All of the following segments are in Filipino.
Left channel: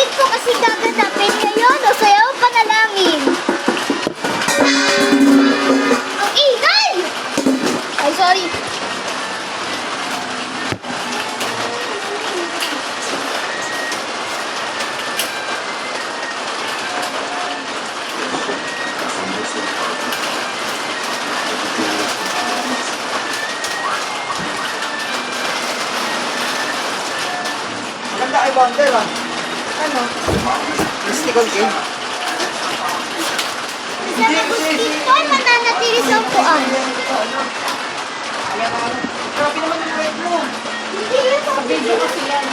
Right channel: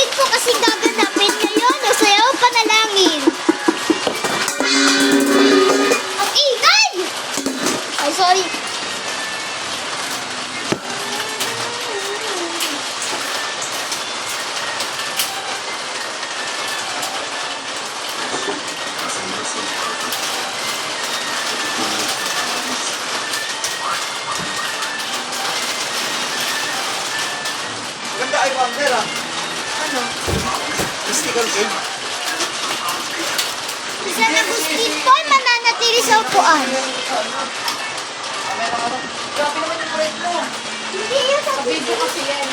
Bakit po kasi gaganapin ngayon? O sayaw panalangin. Ang ingay! Ay, sorry. Ganda ay wonder ah. Ano? Mystical game. Sa mosquito, mananatili sa upuan. Grabe naman yung red mo. Hindi yun sa video kasi yan.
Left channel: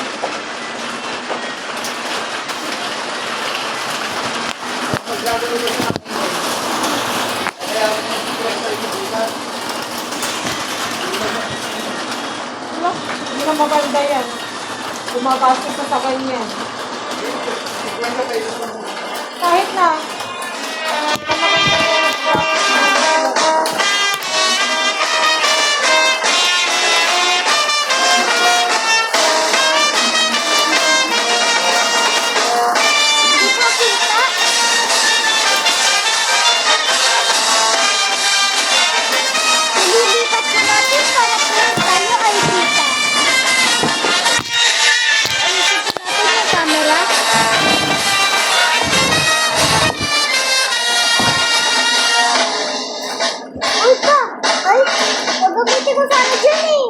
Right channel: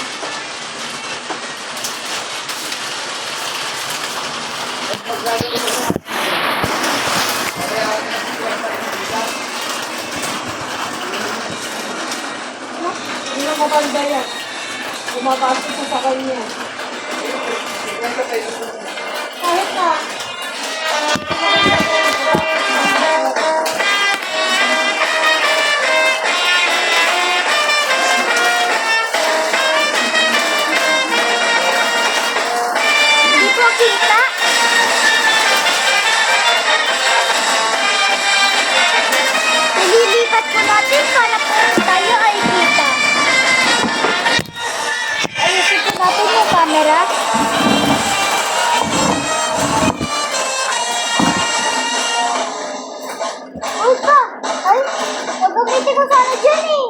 Hindi na maganda yan. Bumabasa sa sakay niya. Kahit na. Hindi po kita. Ililipat po natin para po tayo ay kita. Ayusin po natin yung camera. Uy pa! Ay! Gagamitin ko sana dyan eh!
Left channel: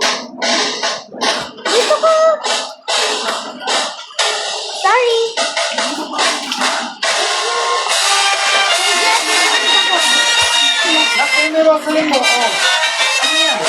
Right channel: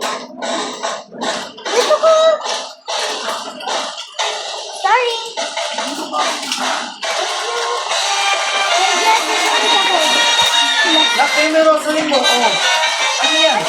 Dito ko! Sorry! Nak, eh, may Rosalie mo. Oh. Ano yan?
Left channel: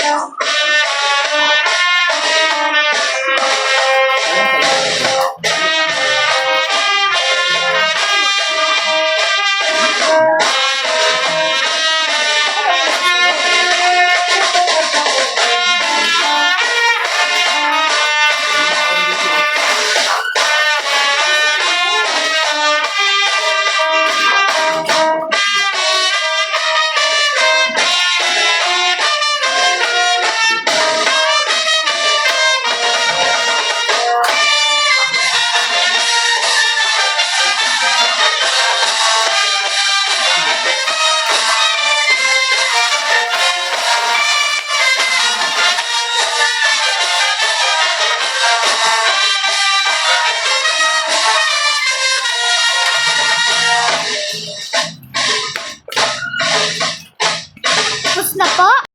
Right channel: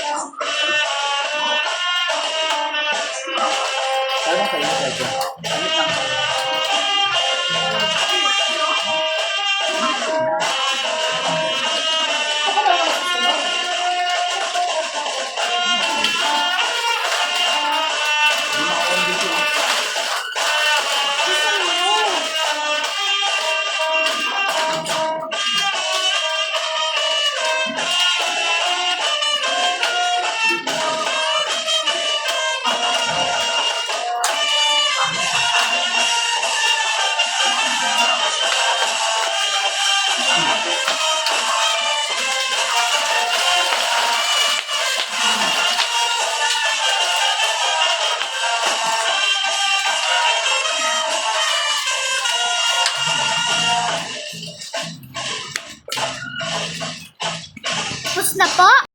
Alam ko yun. Tapos na po?